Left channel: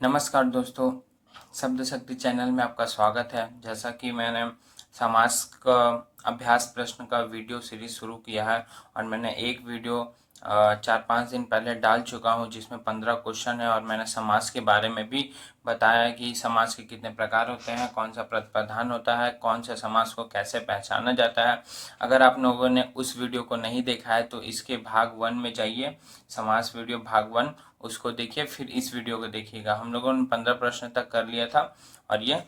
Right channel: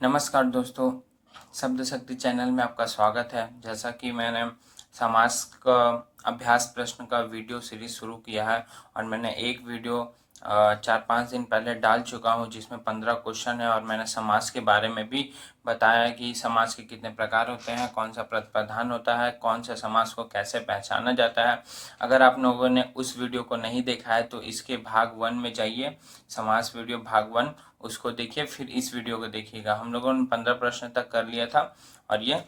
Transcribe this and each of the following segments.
नमस्कार दोस्तों, शब्द शक्ति चैनल में आपका स्वागत है। जैसा कि मैंने समास का अभ्यास प्रश्न का वीडियो सीरीज शुरू किया है और मैंने एक वीडियो 4-5 दिन पहले डाल चुका हूं जिसमें 15 क्वेश्चन है और मैंने समास के बारे में भी बताया कि समास के कितने प्रकार होते हैं, कौन सा प्रधान होता है, कौन सा समास को कैसे पहचाना जाता है। अगर आप लोगों ने उस वीडियो को नहीं देखा है तो इसके भाग 1 में जाइए, समास वीडियो भाग 1 उसको देखिए, फिर इस वीडियो को देखिएगा। हम लोगों ने 15 प्रश्न तक कर लिया था और ये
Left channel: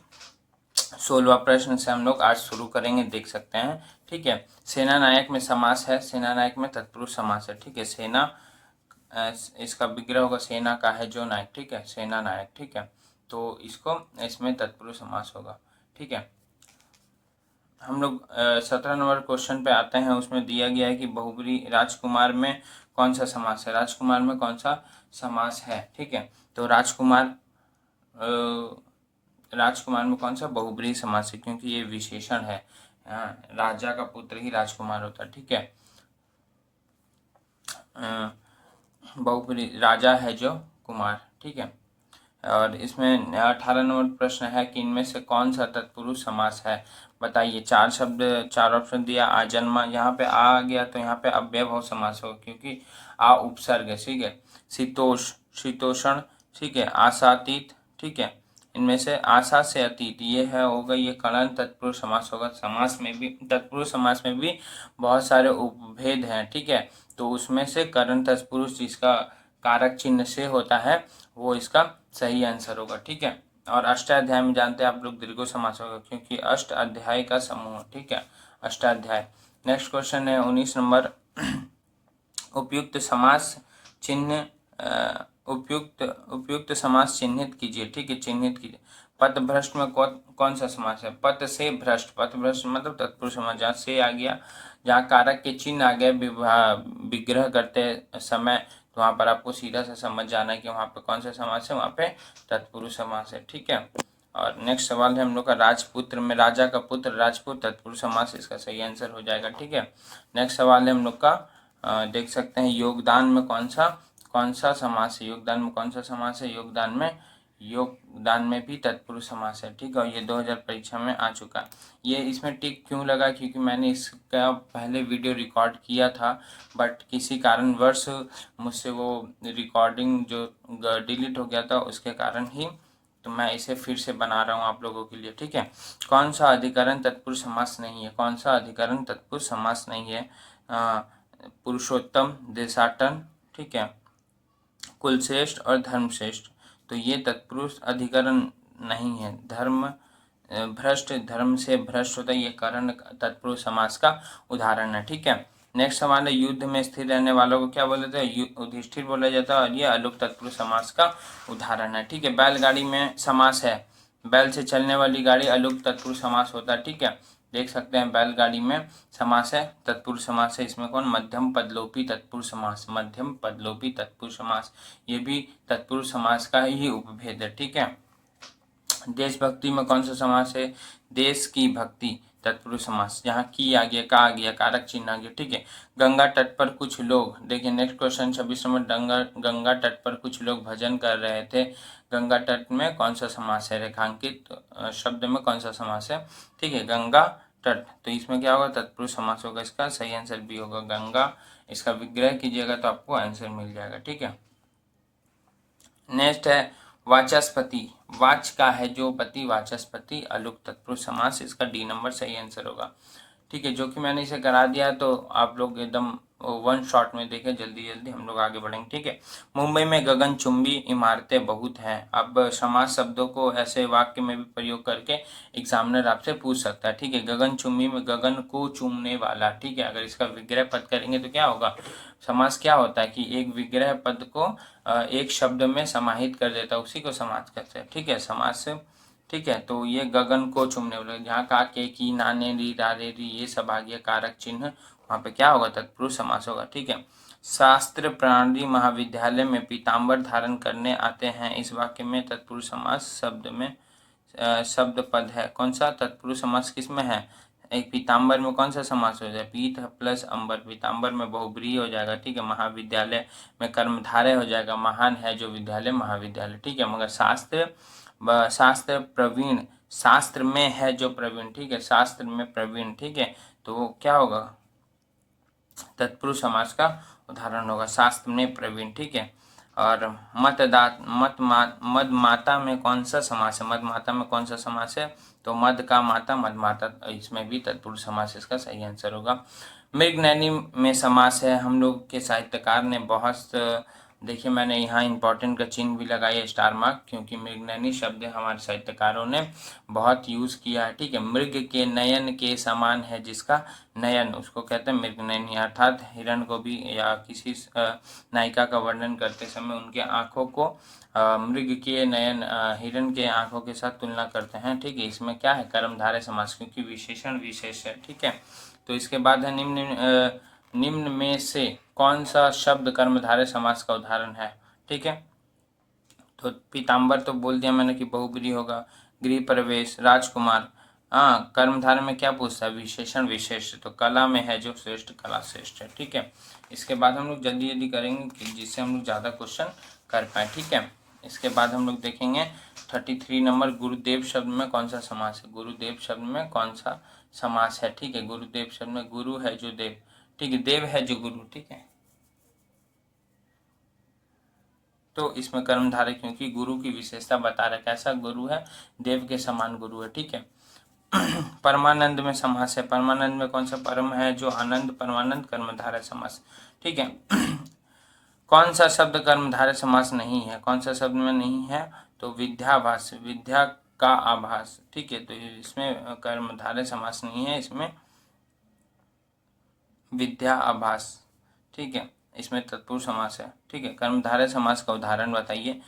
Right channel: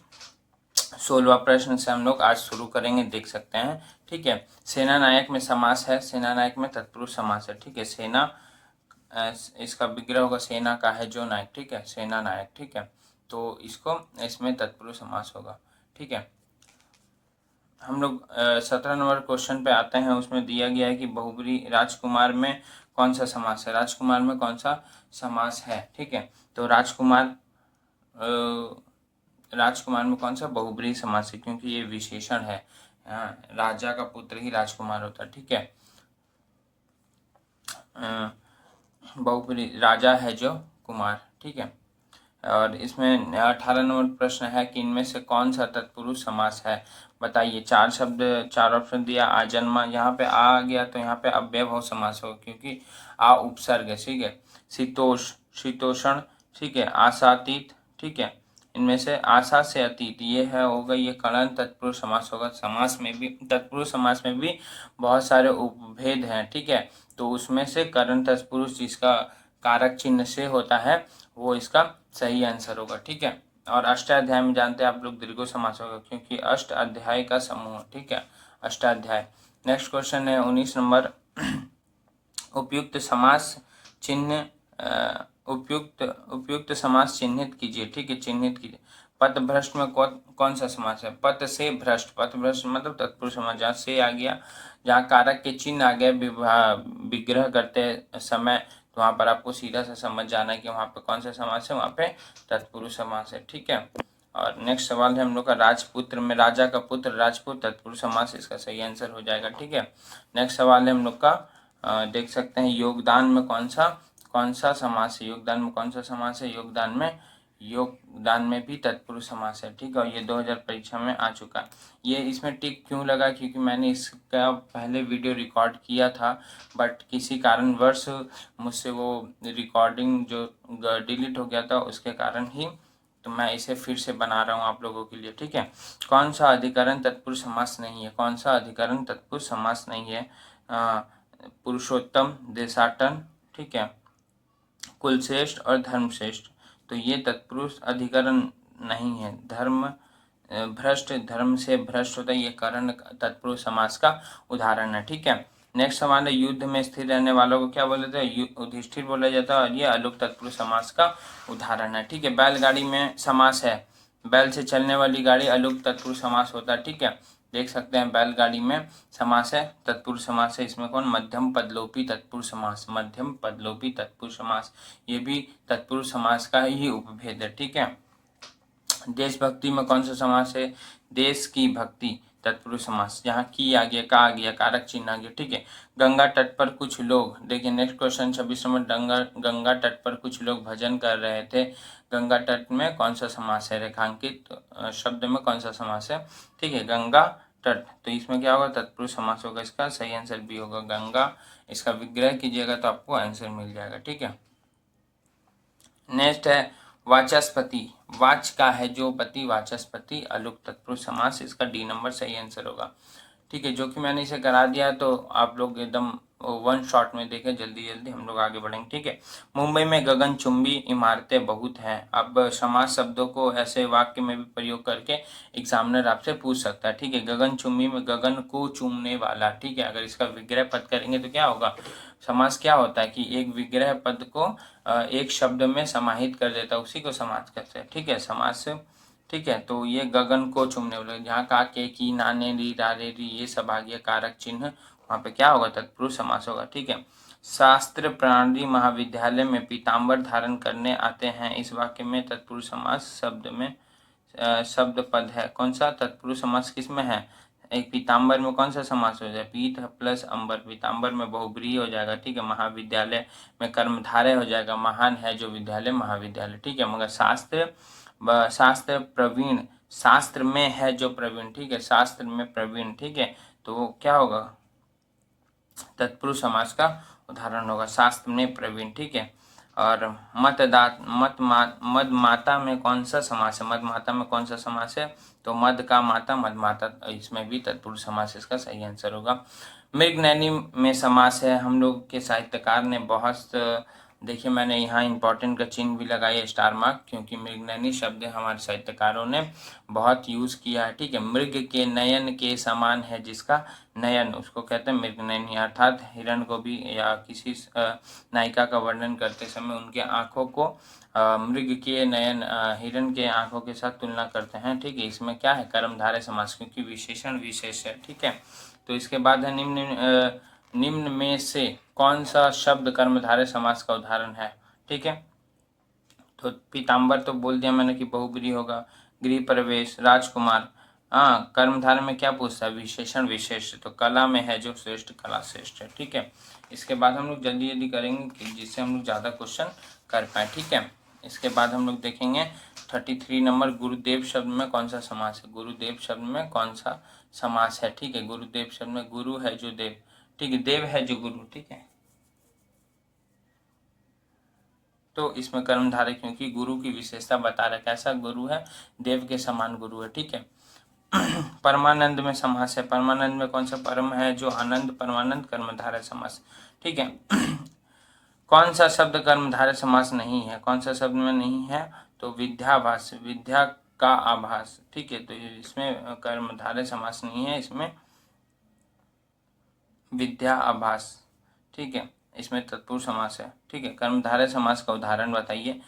16वां प्रश्न से हम लोग आज शुरू करेंगे, देख सकते हैं। ठीक है, सेना नायक में समास है, सेना नायक में तत्पुरुष समास है। ठीक है, सेना इसका विग्रह होगा सेना का है जो नायक। ठीक है, सेना नायक। ठीक है, तो इसको इसमें तत्पुरुष समास होगा। ठीक है, हम लोग 17 नंबर क्वेश्चन पे आते हैं। उसमें दिया गया है कि बहुब्री राजकुमार में कौन सा समास है, राजकुमार में कौन सा समास है। ठीक है, तो राजकुमार में कौन सा बहुब्रीहि समास है, क्योंकि ये विशेषण है। राजा का पुत्र ही राजकुमार होता है। ठीक है, बहुब्रीहि राजा है जो कुमार। ठीक है, और इसमें 18 नंबर प्रश्न है कि इनमें से कौन सा तत्पुरुष समास है, बताइए। 4 शब्द, 4 ऑप्शन दिया। आजन्मा, यहाँ पे आ गया तो यहाँ पे अव्ययभाव समास होगा क्योंकि आ उपसर्ग है। ठीक है, शीतोष, शीतोषण। ठीक है, आशातीत। ठीक है, इनमें से आशा से अतीत ये है होगा, ये कर्ण तत्पुरुष समास होगा। समास में भी, तत्पुरुष समास में भी बहुत सारे उपभेद हैं। ठीक है, तो उसमें से कर्ण तत्पुरुष जिसका कारक चिन्ह से होता है वो इसका सही आंसर होगा। ठीक है, और अष्टाध्याय में जानते हैं आप लोग दीर्घ समास होगा क्योंकि अष्ट अध्याय का समूह। ठीक है, अष्टाध्याय। नेक्स्ट क्वेश्चन है 19 नंबर। उपयुक्त समास चिन्ह उपयुक्त समास चिन्हित कीजिए। ठीक है, चिन्हित कीजिए। पथ भ्रष्ट में कौन सा समास है, पथ से भ्रष्ट। पथ भ्रष्ट मतलब तत्पुरुष समास, जहाँ से आ गया, जहाँ कारक के चिन्ह आ गए विग्रह करते समय, तो वहां पर आपको सीधा से समझ जाना है कि वहां पे कौन सा समास है, वहां पे तत्पुरुष समास है। ठीक है, और नेक्स्ट सवाल है हम लोग का राजपुत्र में, राजा का पुत्र राजपुत्र तत्पुरुष समास, इसका सही आंसर हो जाएगा। ठीक है, नेक्स्ट सवाल है हम लोग का, देख सकते हैं योगदान में कौन सा समास है, योगदान में कौन सा समास है, योगदान में भी तत्पुरुष समास है। ठीक है, और ये 2000 परीक्षा में आ चुका है। ये इसमें टिक क्यों लगा, क्योंकि मैंने इसका पहले वीडियो रिकॉर्ड किया था बट किसी कारणवश मुझसे वो रिकॉर्डिंग जो डिलीट हो गया था, उसके कारण ही तो मैं इसे फिर से बना रहा हूँ आप लोगों के लिए। ठीक है, कौन सा अधिकरण तत्पुरुष समास नहीं है, कौन सा अधिकरण तत्पुरुष समास नहीं है। पुरुषोत्तम, देशाटन। ठीक है, कुलश्रेष्ठ और धर्मश्रेष्ठ, तो ये तत्पुरुष अधिकरण नहीं है। भ्रष्ट, धर्म से भ्रष्ट होता है, ये करण तत्पुरुष समास का उदाहरण है। ठीक है, नेक्स्ट सवाल है युद्ध में स्थिर रहने वालों को क्या बोला जाता है, युधिष्ठिर बोला जाता है, और ये अलुक तत्पुरुष समास का उदाहरण है। ठीक है, बैलगाड़ी में समास है, बैल से चलने वाली गाड़ी अलुक तत्पुरुष समास होता है। ठीक है, देख सकते हैं बैलगाड़ी में समास है, तत्पुरुष समास है। इसमें कौन, मध्यम पदलोपी तत्पुरुष समास, मध्यम पदलोपी तत्पुरुष समास, ये भी तत्पुरुष समास का ही उपभेद है। ठीक है, देशभक्ति में कौन सा समास है, देश की भक्ति तत्पुरुष समास, जहाँ की आ गया, का आ गया, कारक चिन्ह आ गया। ठीक है, गंगा तट पर कुछ लोग, देखिए नेक्स्ट क्वेश्चन 26 नंबर, गंगा तट पर कुछ लोग भजन कर रहे थे, गंगा तट में कौन सा समास है, रेखांकित शब्द में कौन सा समास है। ठीक है, गंगा तट, तो इसमें क्या होगा, तत्पुरुष समास होगा, इसका सही आंसर भी होगा गंगा। इसका विग्रह कीजिएगा तो आपको आंसर मिल जाएगा। ठीक है, नेक्स्ट है वाचस्पति, वाच का है जो पति, वाचस्पति अलुक तत्पुरुष समास, इसका डी नंबर सही आंसर होगा। ठीक है, जो कि मैंने इसे करा दिया तो आप लोग एकदम वन शॉट में देखें, जल्दी जल्दी हम लोग आगे बढ़ेंगे। ठीक है, मुंबई में गगनचुंबी इमारतें बहुत हैं। अब समास शब्दों को ऐसे वाक्य में भी प्रयोग करके एग्जामिनर आपसे पूछ सकता है। ठीक है, गगनचुंबी में गगन को चूमने वाला। ठीक है, अगर इसका विग्रह पद करेंगे तो क्या होगा, समास क्या होता है कि एक विग्रह पद को एक शब्द में समाहित कर देता है, उसी को समास कहते हैं। ठीक है, समास। ठीक है, तो ये गगन को चूमने वाले, जहाँ का, के, की, नाने, री, रारे, री, ये सब आ गया कारक चिन्ह, वहाँ पे क्या होगा, तत्पुरुष समास होगा। ठीक है, शास्त्र प्रणाली महाविद्यालय में पीताम्बर धारण करने आते हैं, इस वाक्य में तत्पुरुष समास शब्द में शब्द पद है, कौन सा तत्पुरुष समास किसमें है, एक पीताम्बर में कौन सा समास हो जाए, पीत प्लस अंबर, पीताम्बर में बहुब्रीहि हो जाएगा, ठीक है। महाविद्यालय में कर्मधारय हो जाएगा, महान है जो विद्यालय महाविद्यालय, ठीक है। मगर शास्त्र प्रवीण, शास्त्र में है जो प्रवीण, ठीक है, शास्त्र में प्रवीण, ठीक है, तो क्या होगा, तत्पुरुष समास का उदाहरण होगा, शास्त्र में प्रवीण, ठीक है। और मद माता में कौन सा समास है, मद माता में कौन सा समास है, तो मद का माता मद माता, इसमें भी तत्पुरुष समास इसका सही आंसर होगा। मृगनयनी में समास है, हम लोग के साहित्यकार ने बहुत, देखिए मैंने यहाँ इंपॉर्टेंट का चिन्ह भी लगाया है स्टार मार्क, क्योंकि मृगनयनी शब्द हमारे साहित्यकारों ने बहुत यूज किया है, ठीक है। मृग के नयन के समान है जिसका नयन, उसको कहते हैं मृगनयनी, अर्थात हिरण को भी या किसी नायिका का वर्णन करते समय उनके आंखों को मृग के नयन हिरण के आंखों के साथ तुलना करते हैं, ठीक है। इसमें क्या है, कर्मधारय समास, क्योंकि विशेषण विशेष है, ठीक है। तो इसके बाद है निम्न में से कौन सा शब्द कर्मधारय समास का उदाहरण है, ठीक है। तो पीताम्बर तो बोल दिया मैंने कि बहुब्रीहि होगा, गृह प्रवेश, राजकुमार, हाँ, कर्मधारय में क्या पूछता है, विशेषण विशेष, तो कला में है जो श्रेष्ठ, कला श्रेष्ठ है, ठीक है। इसके बाद हम लोग जल्दी जल्दी करेंगे कि जिससे हम लोग ज़्यादा क्वेश्चन कर पाए, ठीक है। इसके बाद हम लोग देखेंगे 33 नंबर, गुरुदेव शब्द में कौन सा समास है, गुरुदेव शब्द में कौन सा समास है, ठीक है। गुरुदेव शब्द में गुरु है जो देव, ठीक है, देव है जो गुरु, ठीक है। तो इसमें कर्मधारय, क्योंकि गुरु की विशेषता बता रहा है, कैसा गुरु है, देव के समान गुरु है, ठीक है। परमानंद में समास है, परमानंद में कौन सा परम है जो आनंद, परमानंद कर्मधारय समास, ठीक है। कौन सा शब्द कर्मधारय समास नहीं है, कौन सा शब्द में नहीं है, तो विद्याभास, विद्या का आभास, ठीक है, तो इसमें कर्मधारय समास नहीं है, इसमें विद्या आभास, ठीक है, इसमें तत्पुरुष समास है, ठीक है। कर्मधारय समास का उदाहरण बताइए,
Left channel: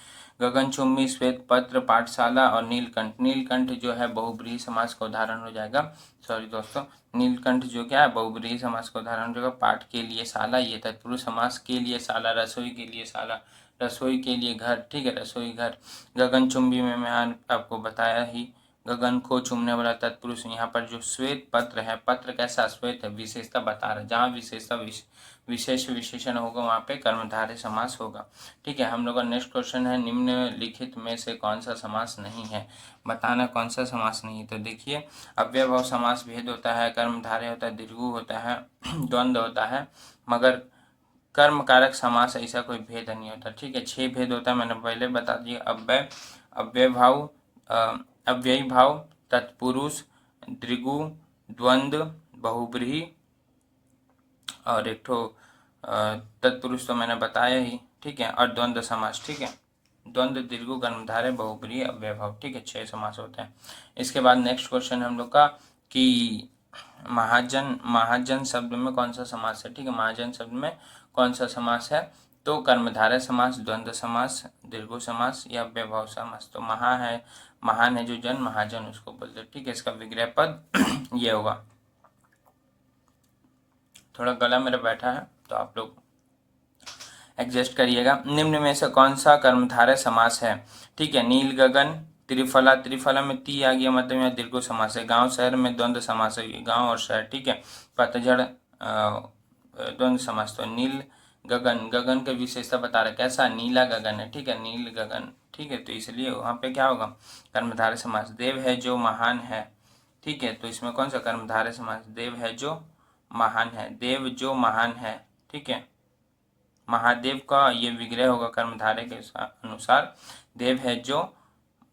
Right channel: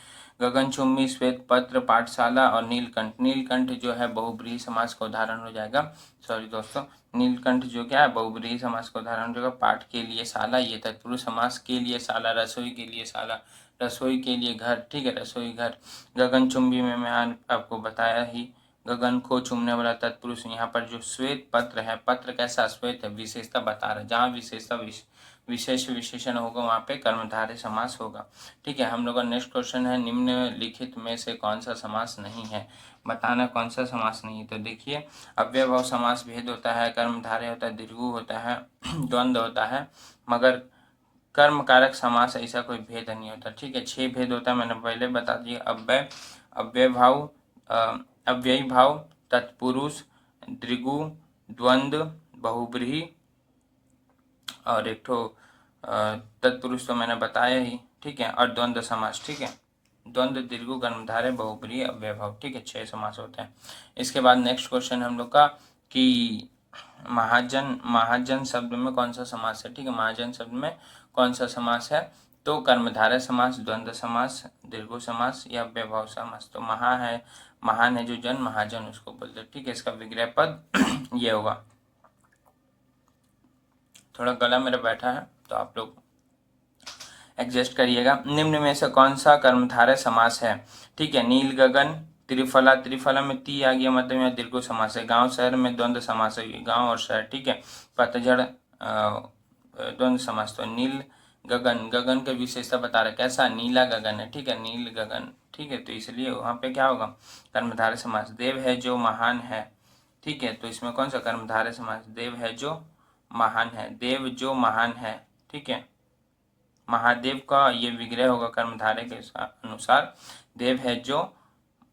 गगनचुंबी, श्वेत पत्र, पाठशाला और नीलकंठ, नीलकंठ जो है बहुब्रीहि समास का उदाहरण हो जाएगा, सॉरी दोस्तों, नीलकंठ जो क्या है बहुब्रीहि समास का उदाहरण हो जाएगा। पाठ के लिए शाला, ये तत्पुरुष समास, के लिए शाला, रसोई के लिए शाला, रसोई के लिए घर, ठीक है, रसोई घर। गगनचुंबी में मैं आपको बताया ही, गगन को चूमने वाला तत्पुरुष, यहाँ पर जो श्वेत पत्र है, पत्र कैसा श्वेत है, विशेषता बता रहा है, जहाँ विशेषता विशेष विशेषण होगा वहाँ पे कर्मधारय समास होगा, ठीक है। हम लोग का नेक्स्ट क्वेश्चन है, निम्नलिखित में से कौन सा समास नहीं है, बताना कौन सा समास नहीं है। तो देखिए, अव्ययभाव समास भेद होता है, कर्मधारय होता है, दीर्घु होता है, द्वंद्व होता है, मगर कर्म कारक समास ऐसा कोई भेद नहीं होता, ठीक है। 6 भेद होता है, मैंने पहले बता दिया, अव्ययभाव, अव्ययी भाव, तत्पुरुष, दृगु, द्वंद्व, बहुब्रीहि और एक ठो तत्पुरुष तो मैंने बताया ही, ठीक है, और द्वंद्व समास, ठीक है। द्वंद्व, दीर्घु, कर्मधारय, बहुब्रीहि, अव्ययभाव, ठीक है, 6 समास होते हैं। इसके बाद नेक्स्ट क्वेश्चन हम लोग का कि महाजन शब्द में कौन सा समास है, ठीक है, महाजन शब्द में कौन सा समास है, तो कर्मधारय समास, द्वंद्व समास, दीर्घु समास या अव्ययभाव समास। तो महान है जो जन, महाजन उसको बोलते हैं, ठीक है। इसका विग्रह पद ये होगा, थोड़ा गला मेरा बैठा है तो आप लोग एडजस्ट करिएगा। निम्न में से कौन सा कर्मधारय समास है, ठीक है, नील गगन, त्रिफला, त्रिफला में ती आ गया, मतलब यहाँ दीर्घ समास है। गांव शहर में द्वंद्व समास है, गांव और शहर, ठीक है। पतझड़ द्वंद्व समास। तो नील गगन, गगन का विशेषता बता रहा है, कैसा, नीला गगन है, ठीक है, नील गगन, ठीक है, तो इसलिए वहाँ पे क्या होगा, कर्मधारय समास। देव है जो महान है, ठीक है, तो इसमें कौन सा कर्मधारय समास, देव है जो महान है, देव जो महान है, ठीक है। महादेव का ये विग्रह होगा कर्मधारय के अनुसार, देव है जो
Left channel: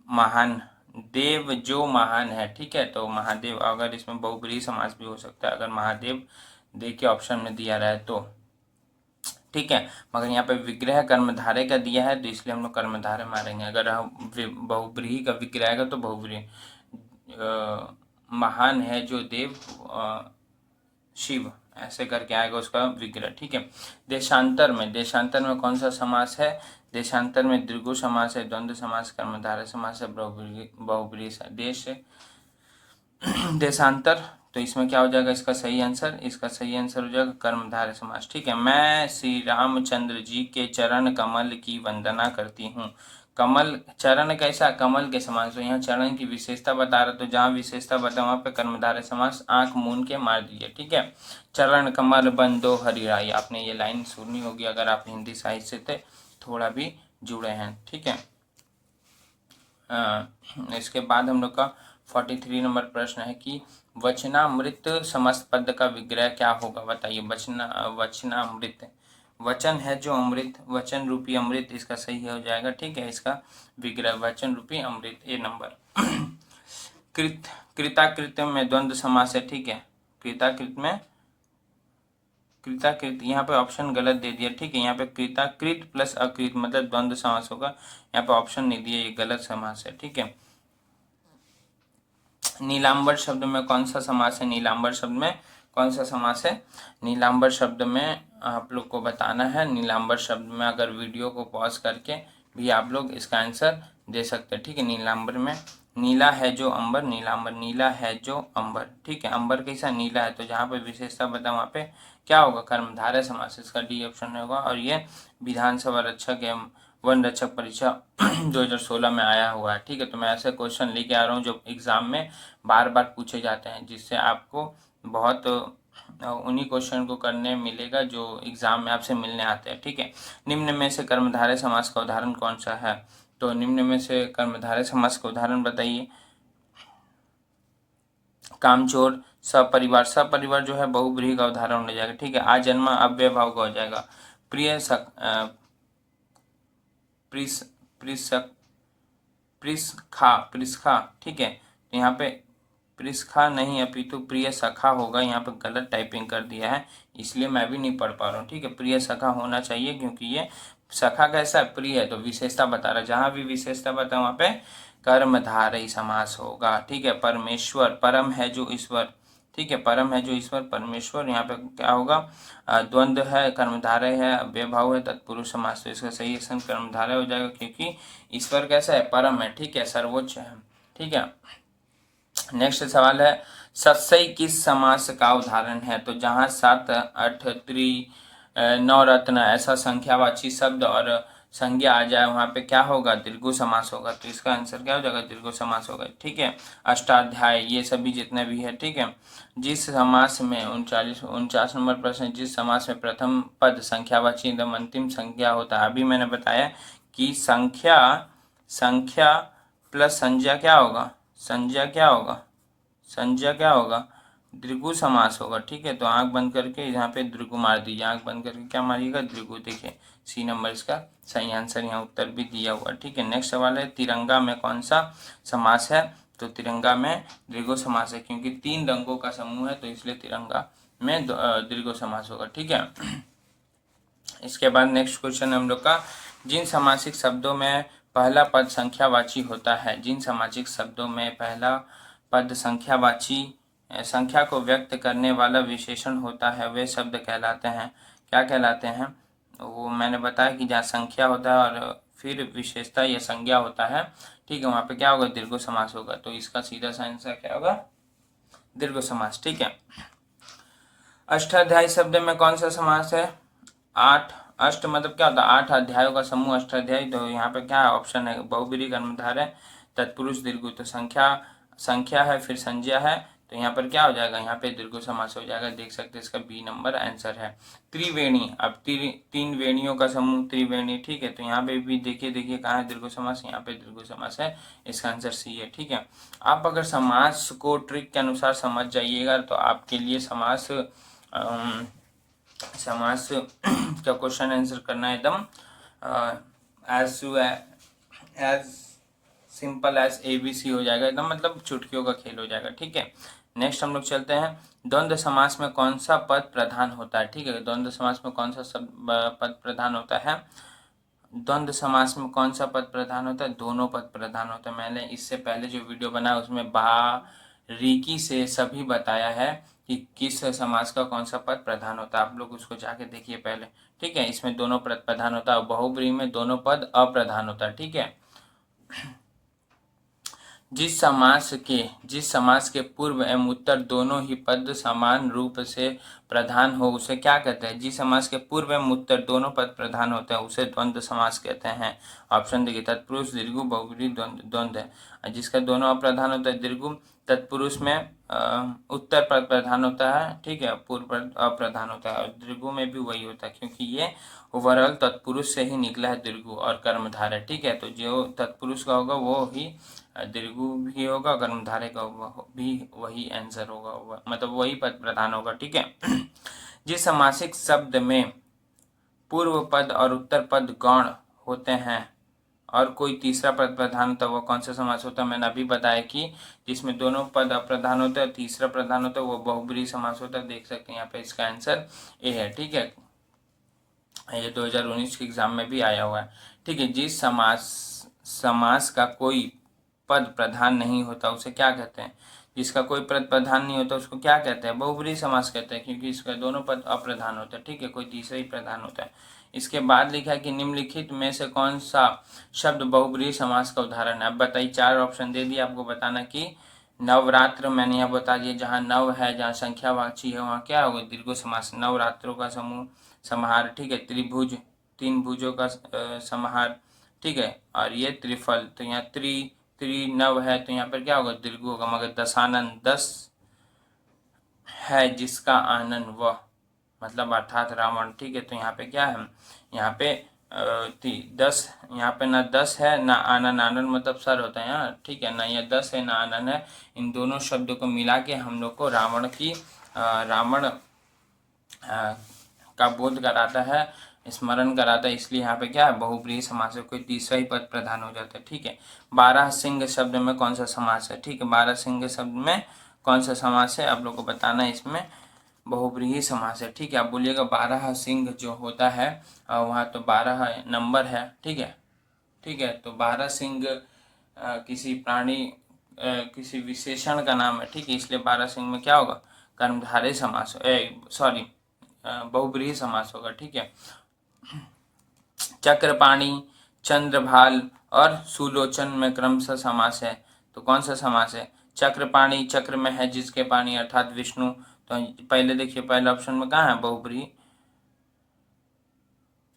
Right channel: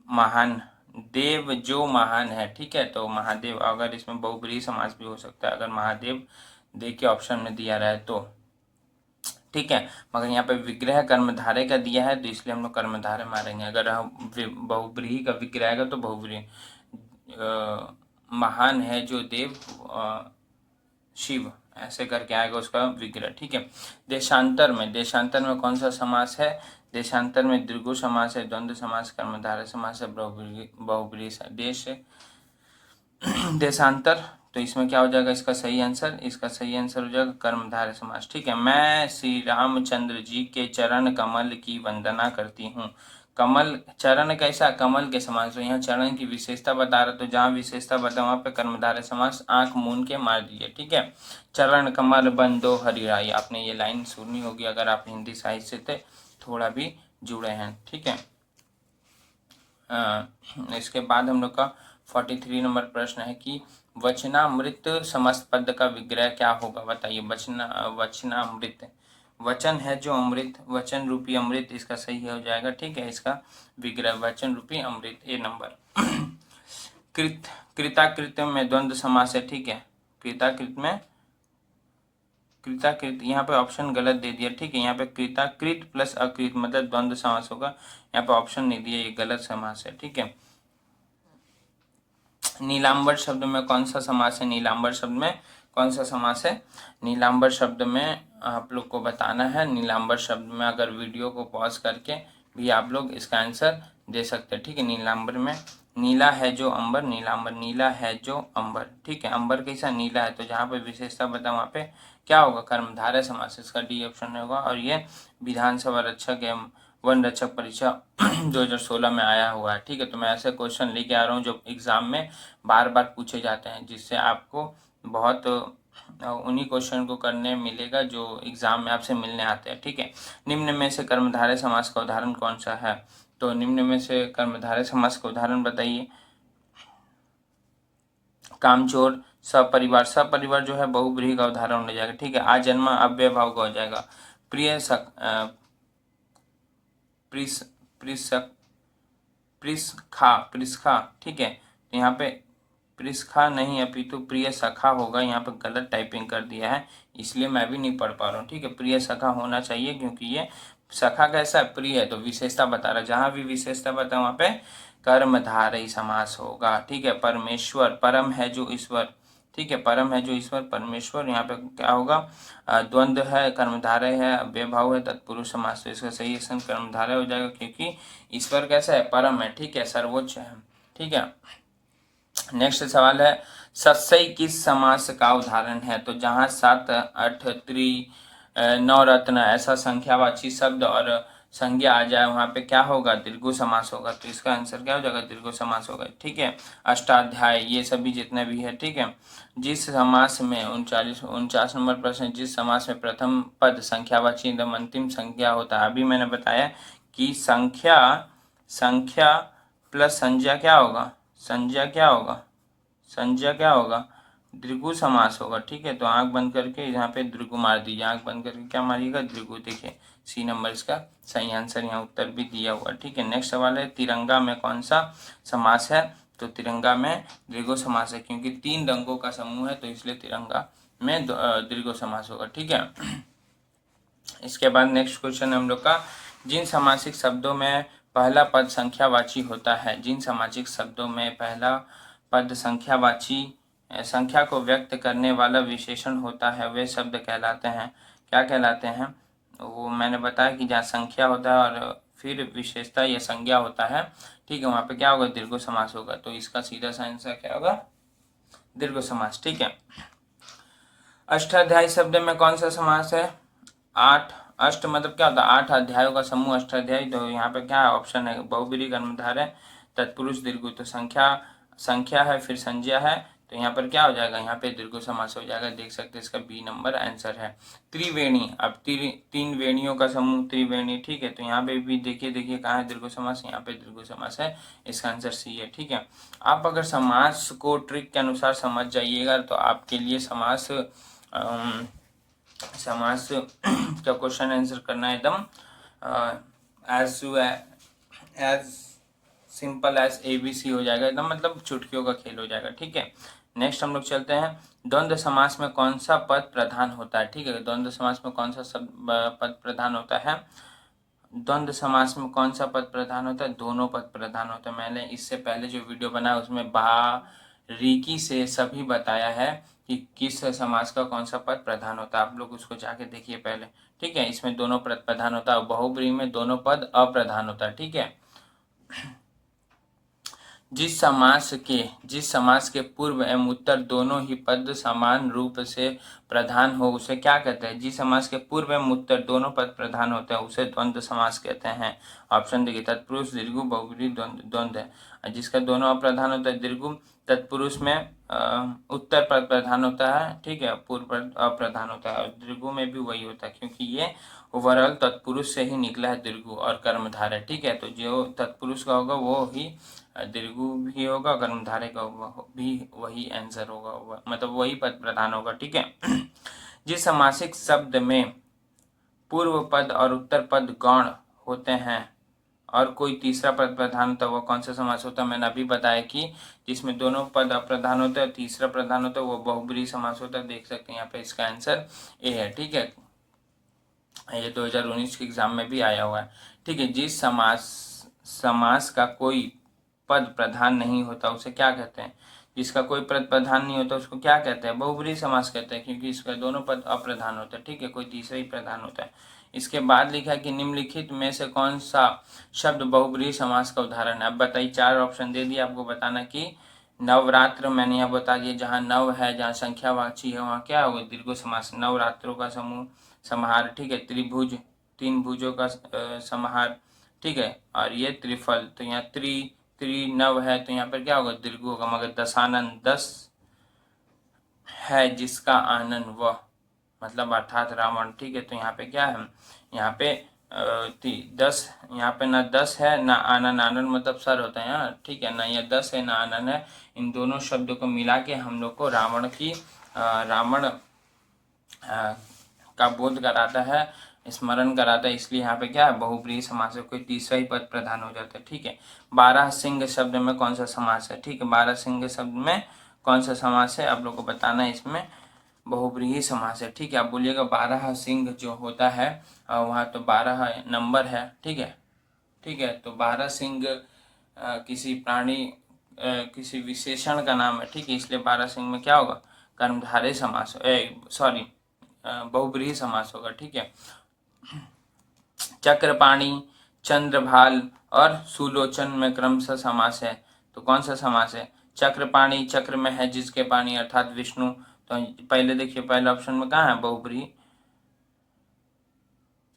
महान, देव जो महान है, ठीक है। तो महादेव, अगर इसमें बहुब्रीहि समास भी हो सकता है, अगर महादेव दे के ऑप्शन में दिया रहा है तो, ठीक है, मगर यहाँ पे विग्रह कर्मधारय का दिया है तो इसलिए हम लोग कर्मधारय मारेंगे। अगर हम बहुब्रीहि का विग्रह आएगा तो बहुब्रीहि, महान है जो देव शिव, ऐसे करके आएगा उसका विग्रह, ठीक है। देशांतर में कौन सा समास है, देशांतर में दीर्घु समास है, द्वंद्व समास, कर्मधारय समास है, बहुब्रीहि देश, देशांतर, तो इसमें क्या हो जाएगा इसका सही आंसर, इसका सही आंसर हो जाएगा कर्मधारय समास, ठीक है। मैं श्री रामचंद्र जी के चरण कमल की वंदना करती हूँ, कमल चरण कैसा, कमल के समान। तो यहाँ चरण की विशेषता बता रहा, तो जहाँ विशेषता बता वहां पे कर्मधारय समास आंख मूंद के मार दीजिए, ठीक है। चरण कमल बंदो हरिराई, आपने ये लाइन सुनी होगी अगर आप हिंदी साहित्य से थोड़ा भी जुड़े हैं, ठीक है। इसके बाद हम लोग का 43 नंबर प्रश्न है कि वचनामृत समस्त पद का विग्रह क्या होगा, बताइए। वचनामृत, वचन है जो अमृत, वचन रूपी अमृत इसका सही हो जाएगा, ठीक है। इसका विग्रह वचन रूपी अमृत, ए नंबर। कृत, कृताकृत में द्वंद्व समास है, ठीक है। कृताकृत में कृताकृत, यहाँ पे ऑप्शन गलत दे दिया, ठीक है। यहाँ पे कृताकृत प्लस अकृत मतलब द्वंद्व समास होगा, यहाँ पे ऑप्शन नहीं दिया, ये गलत समास है, ठीक है। नीलांबर शब्द में कौन सा समास है, नीलांबर शब्द में कौन सा समास है। नीलांबर शब्द में आप लोग को बताना है, नीलांबर शब्द में अगर वीडियो को पॉज करके भी आप लोग इसका आंसर दे सकते हैं, ठीक है। नीलांबर में नीला है जो अंबर, नीलांबर नीला है जो अंबर, ठीक है। अंबर कैसा, नीला है, तो जहाँ पे विशेषता बता वहाँ पे क्या होगा, कर्मधारय समास, इसका डी ऑप्शन होगा। और ये विधानसभा रक्षक एवं वन रक्षक परीक्षा 2016 में आया हुआ है, ठीक है। तो मैं ऐसे क्वेश्चन लेके आ रहा हूँ जो एग्जाम में बार बार पूछे जाते हैं, जिससे आपको बहुत उन्हीं क्वेश्चन को करने मिलेगा जो एग्जाम में आपसे मिलने आते हैं, ठीक है। निम्न में से कर्मधारय समास का उदाहरण कौन सा है, तो निम्न में से कर्मधारय समास का उदाहरण बताइए। कामचोर, सपरिवार, सपरिवार जो है बहुब्रीहि का उदाहरण हो जाएगा, ठीक है। आजन्मा अव्यय भाव का हो जाएगा। प्रिय प्रिस्खा, ठीक है। तो यहाँ पे प्रिस्खा नहीं अपितु प्रिय सखा होगा, यहाँ पे गलत टाइपिंग कर दिया है, इसलिए मैं भी नहीं पढ़ पा रहा हूँ, ठीक है। प्रिय सखा होना चाहिए क्योंकि ये सखा कैसा है, प्रिय है, तो विशेषता बता रहा है, जहां भी विशेषता बता वहां पे कर्मधारय समास होगा, ठीक है। परमेश्वर, परम है जो ईश्वर, ठीक है। परम है जो ईश्वर परमेश्वर, यहाँ पे क्या होगा, द्वंद्व है, कर्मधारय है, अव्ययभाव है, तत्पुरुष समास, तो इसका सही स्थान कर्मधारय हो जाएगा क्योंकि ईश्वर कैसा है, परम है, ठीक है, सर्वोच्च है, ठीक है। नेक्स्ट सवाल है सत्सई किस समास का उदाहरण है, तो जहां सत, अठ, त्रि, नवरत्न ऐसा संख्यावाची शब्द और संज्ञा आ जाए वहां पे क्या होगा, दीर्घ समास होगा, तो इसका आंसर क्या हो जाएगा, दीर्घ समास होगा, ठीक है। अष्टाध्याय ये सभी जितने भी है, ठीक है। जिस समास में 49 नंबर प्रश्न, जिस समास में प्रथम पद संख्यावाची एकदम अंतिम संज्ञा होता है, अभी मैंने बताया कि संख्या प्लस संज्ञा क्या होगा, संज्ञा क्या होगा, संज्ञा क्या होगा, दीर्घ समास होगा, ठीक है। तो आंख बंद करके यहाँ पे दीर्घ मार दीजिए, आंख बंद करके क्या मारिएगा, दीर्घ, देखिए सी नंबर इसका सही आंसर, यहाँ उत्तर भी दिया हुआ, ठीक है। नेक्स्ट सवाल है तिरंगा में कौन सा समास है, तो तिरंगा में दीर्घ समास है क्योंकि 3 रंगों का समूह है, तो इसलिए तिरंगा में दीर्घ समास होगा, ठीक है। इसके बाद नेक्स्ट क्वेश्चन हम लोग का, जिन सामासिक शब्दों में पहला पद संख्यावाची होता है, जिन सामासिक शब्दों में पहला पद संख्यावाची संख्या को व्यक्त करने वाला विशेषण होता है, वे शब्द कहलाते हैं, क्या कहलाते हैं, वो मैंने बताया कि जहाँ संख्या होता है और फिर विशेषता या संज्ञा होता है, ठीक है, वहां पे क्या होगा, दीर्घ समास होगा, तो इसका सीधा सा आंसर क्या होगा, दीर्घ समास, ठीक है। अष्टाध्यायी शब्द में कौन सा समास है, 8, अष्ट मतलब क्या होता है, 8 अध्यायों का समूह अष्टाध्यायी, तो यहाँ पे क्या ऑप्शन है, बहुब्रीहि कर्मधारय तत्पुरुष दीर्घ, तो संख्या है फिर संज्ञा है, तो यहाँ पर क्या हो जाएगा, यहाँ पे दीर्घ समास हो जाएगा, देख सकते हैं इसका बी नंबर आंसर है। त्रिवेणी, अब 3 वेणियों का समूह त्रिवेणी, ठीक है, तो यहाँ पे भी देखिए कहाँ है दीर्घ समास, यहाँ पे दीर्घ समास है, इसका आंसर सी है, ठीक है। आप अगर समास को ट्रिक के अनुसार समझ जाइएगा तो आपके लिए समास का क्वेश्चन आंसर करना एकदम एज सिंपल एज ABC हो जाएगा, एकदम मतलब चुटकियों का खेल हो जाएगा, ठीक है। नेक्स्ट हम लोग चलते हैं, द्वंद्व समास में कौन सा पद प्रधान होता है, ठीक है। द्वंद्व समास में कौन सा पद प्रधान होता है, द्वंद्व समास में कौन सा पद प्रधान होता है, दोनों पद प्रधान होते हैं। मैंने इससे पहले जो वीडियो बनाया उसमें बारीकी से सभी बताया है कि किस समास का कौन सा पद प्रधान होता है, आप लोग उसको जाके देखिए पहले, ठीक है। इसमें दोनों पद प्रधान होता है, बहुब्रीहि में दोनों पद अप्रधान होता है, ठीक है। जिस समास के पूर्व एवं उत्तर दोनों ही पद समान रूप से प्रधान हो उसे क्या कहते हैं? जिस समास के पूर्व एवं उत्तर दोनों पद प्रधान होते हैं उसे द्वंद्व समास कहते हैं। ऑप्शन देखिए, तत्पुरुष दीर्घु बहुब्रीहि द्वंद्व है। जिसका दोनों अप्रधान होता है दीर्घु, तत्पुरुष में उत्तर पद प्रधान होता है, ठीक है, पूर्व पद अप्रधान होता है। और दीर्घु में भी वही होता है क्योंकि ये ओवरऑल तत्पुरुष से ही निकला है दीर्घु और कर्मधारय, ठीक है। तो जो तत्पुरुष का होगा वो ही दीर्घु भी होगा, कर्मधारय का भी वही आंसर होगा, मतलब वही पद प्रधान होगा, ठीक है। जिस समासिक शब्द में पूर्व पद और उत्तर पद गौण होते हैं और कोई तीसरा पद प्रधान होता है वो कौन सा समास होता है? मैंने अभी बताया कि जिसमें दोनों पद अप्रधान होते हैं और तीसरा प्रधान होता है वो बहुब्रीहि समास होता है। देख सकते हैं यहाँ पे इसका आंसर ए है, ठीक है। ये 2019 के एग्जाम में भी आया हुआ है, ठीक है। जिस समास का कोई पद प्रधान नहीं होता उसे क्या कहते हैं? जिसका कोई पद प्रधान नहीं होता उसको क्या कहते हैं? बहुब्रीहि समास कहते हैं क्योंकि इसका दोनों पद अप्रधान होते हैं, ठीक है, कोई तीसरा ही प्रधान होता है। इसके बाद लिखा है कि निम्नलिखित में से कौन सा शब्द बहुब्रीहि समास का उदाहरण है? अब बताइए, 4 ऑप्शन दे दिए, आपको बताना कि नवरात्र मैंने यहाँ बता दिया, जहाँ नव है, जहाँ संख्यावाची है वहाँ क्या होगा? दीर्घ समास, नवरात्रों का समूह समाहार, ठीक है। त्रिभुज, 3 भुजों का समाहार, ठीक है। और ये त्रिफल, तो यहाँ त्रिनव है तो यहाँ पर क्या होगा? दीर्घ होगा। मगर दशानन, 10 है जिसका आनन वह, मतलब अर्थात रावण, ठीक है। तो यहाँ पे क्या है? यहाँ पे 10, यहाँ पे ना 10 है ना आनन, आनन मतलब सर होता है यहाँ, ठीक है, ना ये 10 है ना आनन है। इन दोनों शब्दों को मिला के हम लोग को रावण का बोध कराता है, स्मरण कराता है, इसलिए यहाँ पे क्या है? बहुब्रीहि समास है, कोई तीसरा ही पद प्रधान हो जाता है, ठीक है। 12 सिंह शब्द में कौन सा समास है? ठीक है, 12 सिंह शब्द में कौन सा समास है आप लोग को बताना है। इसमें बहुब्रीहि समास है, ठीक है। आप बोलिएगा 12 सिंह जो होता है वहाँ तो 12 नंबर है, ठीक है, ठीक है। तो 12 सिंह किसी प्राणी किसी विशेषण का नाम है, ठीक है, इसलिए 12 सिंह में क्या होगा? कर्मधारय समास, सॉरी बहुब्रीहि समास होगा, ठीक है। चक्रपाणी, चंद्रभाल और सुलोचन में क्रमशः समास है, तो कौन सा समास है? चक्रपाणी, चक्र में है जिसके पाणी अर्थात विष्णु, तो पहले देखिए पहले ऑप्शन में कहाँ है? बहुब्रीहि,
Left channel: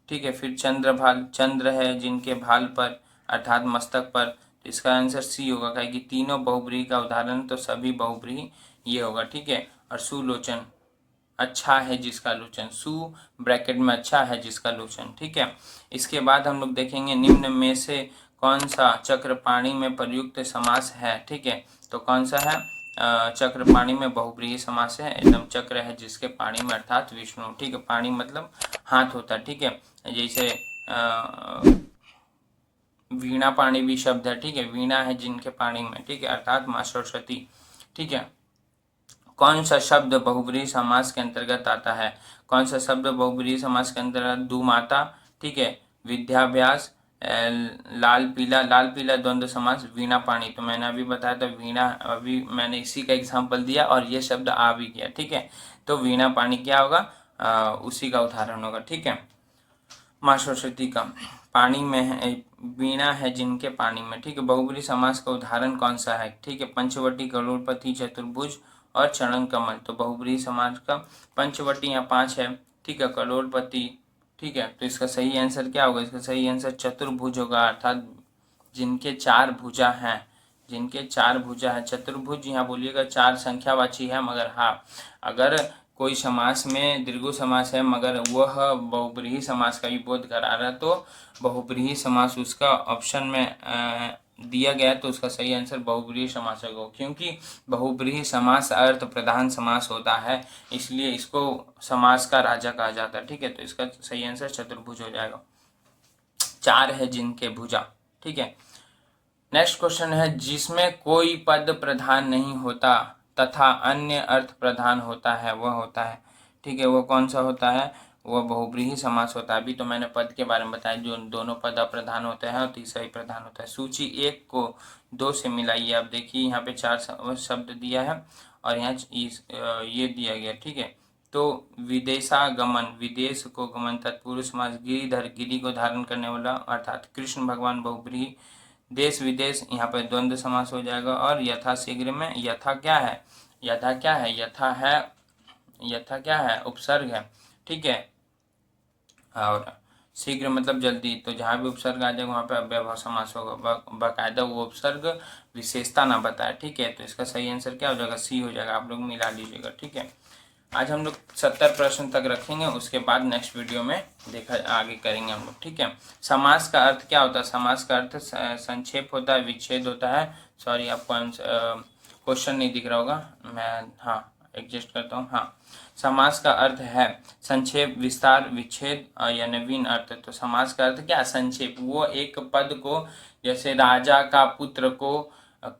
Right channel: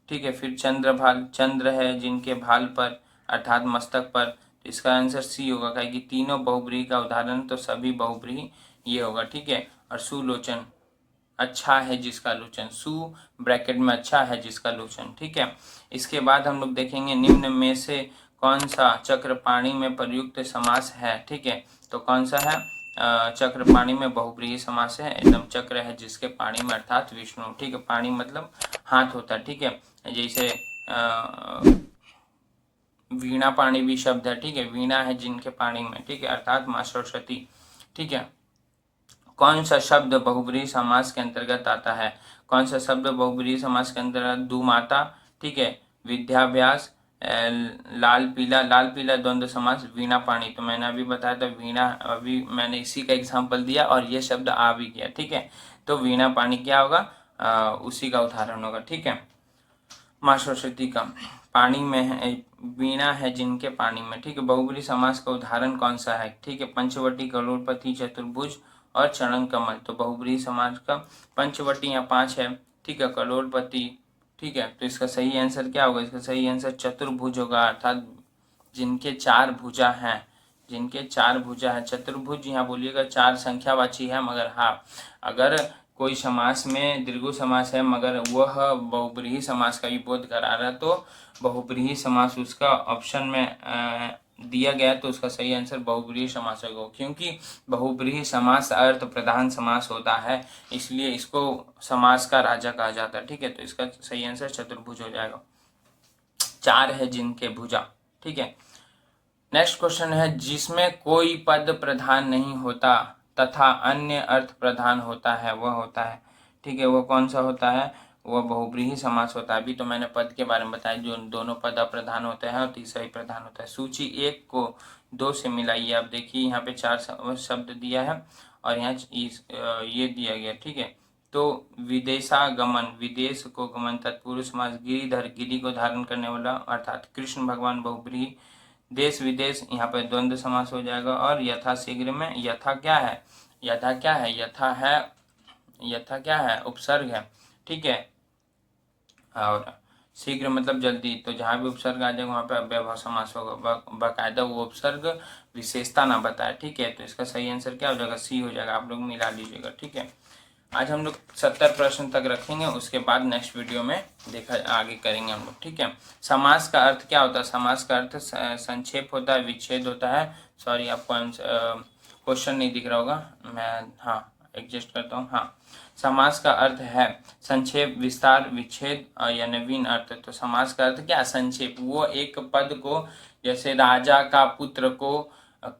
ठीक है। फिर चंद्रभाल, चंद्र है जिनके भाल पर अर्थात मस्तक पर, तो इसका आंसर सी होगा, कहे कि तीनों बहुब्रीहि का उदाहरण तो सभी बहुब्रीहि ये होगा, ठीक है। और सुलोचन, अच्छा है जिसका लोचन, सु ब्रैकेट में अच्छा है जिसका लोचन, ठीक है। इसके बाद हम लोग देखेंगे निम्न में से कौन सा चक्रपाणी में प्रयुक्त समास है, ठीक है। तो कौन सा है? चक्रपाणी में बहुब्रीहि समास है, एकदम चक्र है जिसके पाणी में अर्थात विष्णु, ठीक है। पाणी मतलब हाथ होता है, ठीक है। जैसे वीणा पाणी भी शब्द है, ठीक है, वीणा है जिनके पाणी में, ठीक है, अर्थात माँ सरस्वती, ठीक है। कौन सा शब्द बहुब्रीहि समास के अंतर्गत आता है? कौन सा शब्द बहुब्रीहि समास के अंतर्गत? दुमाता, ठीक है, विद्याभ्यास, लाल पीला द्वंद्व समास, वीणा पाणी, तो मैंने अभी बताया था वीणा, अभी मैंने इसी का एग्जांपल दिया और ये शब्द आ भी गया, ठीक है। तो वीणा पाणी क्या होगा? उसी का उदाहरण होगा, ठीक है। माँ सरस्वती का पानी में है, वीणा है जिनके पानी में, ठीक है। बहुब्रीहि समास का उदाहरण कौन सा है? ठीक है, पंचवटी, करोड़पति, चतुर्भुज और चरण कमल, तो बहुब्रीहि समास का पंचवटी यहाँ 5 है, ठीक है, करोड़पति, ठीक है। तो इसका सही आंसर क्या होगा? इसका सही आंसर चतुर्भुज होगा, अर्थात जिनके 4 भुजा हैं, जिनके 4 भुजा है। चतुर्भुज यहाँ बोलिएगा 4 संख्यावाची है, मगर हाँ अगर कोई समास में दीर्घ समास है मगर वह बहुब्रीहि समास का ही बोध करा रहा है तो बहुब्रीहि समास उसका ऑप्शन में दिया गया, तो उसका सही आंसर बहुब्रीहि समास होगा, क्योंकि बहुब्रीहि समास अर्थ प्रधान समास होता है, इसलिए इसको समास का राजा कहा जाता है, ठीक है। तो इसका सही आंसर चतुर्भुज हो जाएगा, 4 है जिनके भुजा, ठीक है। नेक्स्ट क्वेश्चन है, जिसमें कोई पद प्रधान नहीं होता तथा अन्य अर्थ प्रधान होता है वह होता है, ठीक है, वो कौन सा होता है? वह बहुब्रीहि समास होता है। अभी तो मैंने पद के बारे में बताया, जो दोनों पद अप्रधान होते हैं और तीसरा ही प्रधान होता है। सूची 1 को 2 से मिलाइए। आप देखिए यहाँ पे 4 शब्द दिया है और यहाँ ये दिया गया, ठीक है। तो विदेशागमन, विदेश को गमन, तत्पुरुष समास, गिरिधर, गिरि को धारण करने वाला, अर्थात कृष्ण भगवान बहुब्रीहि देश विदेश, यहाँ पर द्वंद्व समास हो जाएगा। और यथा शीघ्र में यथा क्या है, यथा क्या है, यथा है, यथा क्या है, उपसर्ग है, ठीक है। और शीघ्र मतलब जल्दी, तो जहाँ भी उपसर्ग आ जाएगा वहाँ पे अव्ययभाव समास होगा। बाकायदा वो उपसर्ग विशेषता ना बताए, ठीक है। तो इसका सही आंसर क्या हो जाएगा, सी हो जाएगा। आप लोग मिला लीजिएगा, ठीक है। आज हम लोग 70 प्रश्न तक रखेंगे, उसके बाद नेक्स्ट वीडियो में देखा आगे करेंगे हम लोग, ठीक है। समास का अर्थ क्या होता है, समास का अर्थ संक्षेप होता है, विच्छेद होता है। सॉरी, आपको क्वेश्चन नहीं दिख रहा होगा, मैं हाँ एडजस्ट करता हूँ। हाँ, समास का अर्थ है संक्षेप, विस्तार, विच्छेद या नवीन अर्थ। तो समास का अर्थ क्या, संक्षेप। वो एक पद को, जैसे राजा का पुत्र को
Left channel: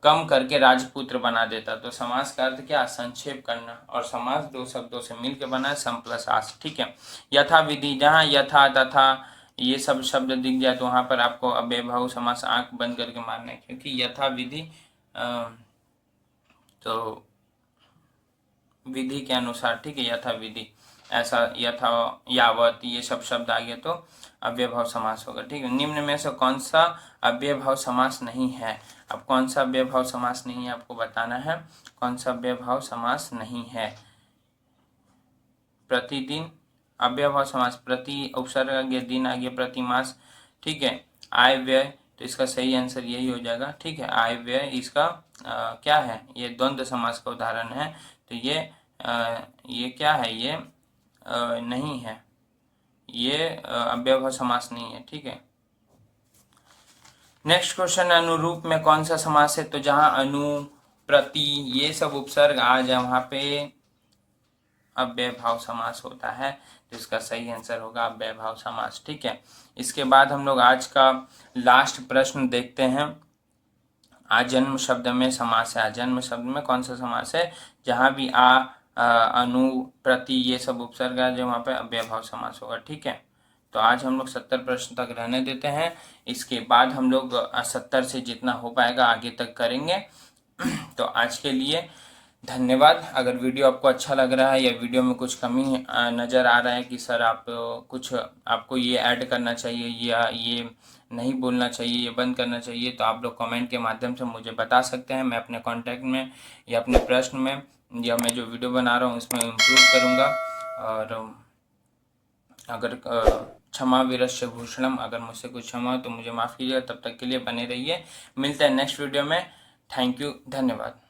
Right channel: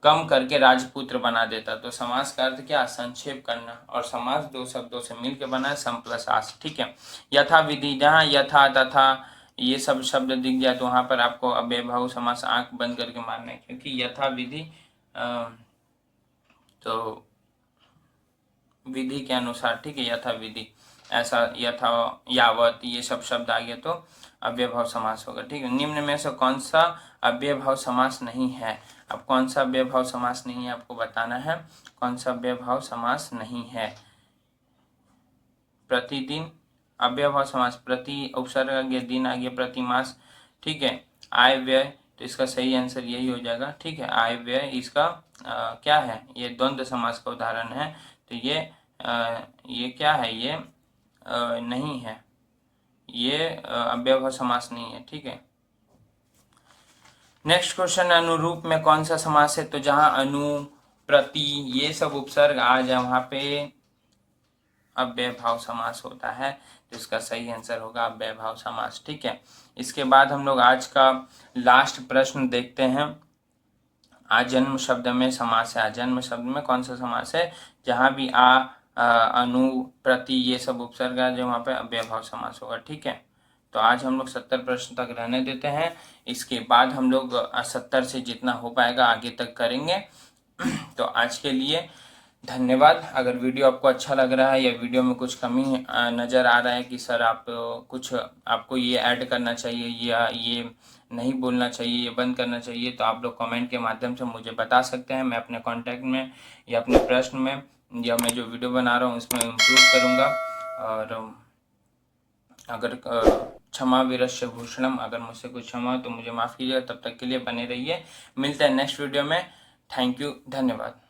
कम करके राजपुत्र बना देता। तो समास का अर्थ क्या, संक्षेप करना। और समास दो शब्दों से मिलकर बना है, सम प्लस आस, ठीक है। यथा विधि, जहाँ यथा तथा ये सब शब्द दिख जाए तो वहां पर आपको अव्ययभाव समास आंख बंद करके मारना है, क्योंकि यथा विधि तो विधि के अनुसार, ठीक है, यथा विधि, ऐसा यथा, यावत, ये सब शब्द आ गए तो अव्ययभाव समास होगा, ठीक है। निम्न में से कौन सा अव्ययभाव समास नहीं है, अब कौन सा अव्ययभाव समास नहीं है आपको बताना है, कौन सा अव्ययभाव समास नहीं है। प्रतिदिन अव्ययभाव समास, प्रति उपसर्ग आ गया, दिन आ गया, प्रतिमास, ठीक है। आय व्यय, तो इसका सही आंसर यही हो जाएगा, ठीक है। आय व्यय इसका क्या है, ये द्वंद्व समास का उदाहरण है। तो ये क्या है, ये नहीं है, ये अव्ययभाव समास नहीं है, ठीक है। नेक्स्ट क्वेश्चन, अनुरूप में कौन सा समास है, तो जहां अनु, प्रति ये सब उपसर्ग आ जाए वहां पे अव्ययभाव समास होता है। तो इसका सही आंसर होगा अव्ययभाव समास, ठीक है। इसके बाद हम लोग आज का लास्ट प्रश्न देखते हैं। आजन्म शब्द में समास है, आजन्म शब्द में कौन सा समास है, जहां भी अनु, प्रति ये सब उपसर्ग है जो वहां पे अव्ययभाव समास होगा, ठीक है। तो आज हम लोग 70 प्रश्न तक रहने देते हैं, इसके बाद हम लोग 70 से जितना हो पाएगा आगे तक करेंगे। तो आज के लिए धन्यवाद। अगर वीडियो आपको अच्छा लग रहा है या वीडियो में कुछ कमी नज़र आ रहा है कि सर आप कुछ आपको ये ऐड करना चाहिए या ये नहीं बोलना चाहिए, ये बंद करना चाहिए, तो आप लोग कमेंट के माध्यम से मुझे बता सकते हैं। मैं अपने कांटेक्ट में या अपने प्रश्न में या मैं जो वीडियो बना रहा हूँ उसमें इम्प्रूव करूँगा। और अगर क्षमा वीरस्य भूषणम, अगर मुझसे कुछ क्षमा हो तो मुझे माफ़ कीजिएगा। तब तक के लिए बने रहिए, मिलते हैं नेक्स्ट वीडियो में। थैंक यू, धन्यवाद।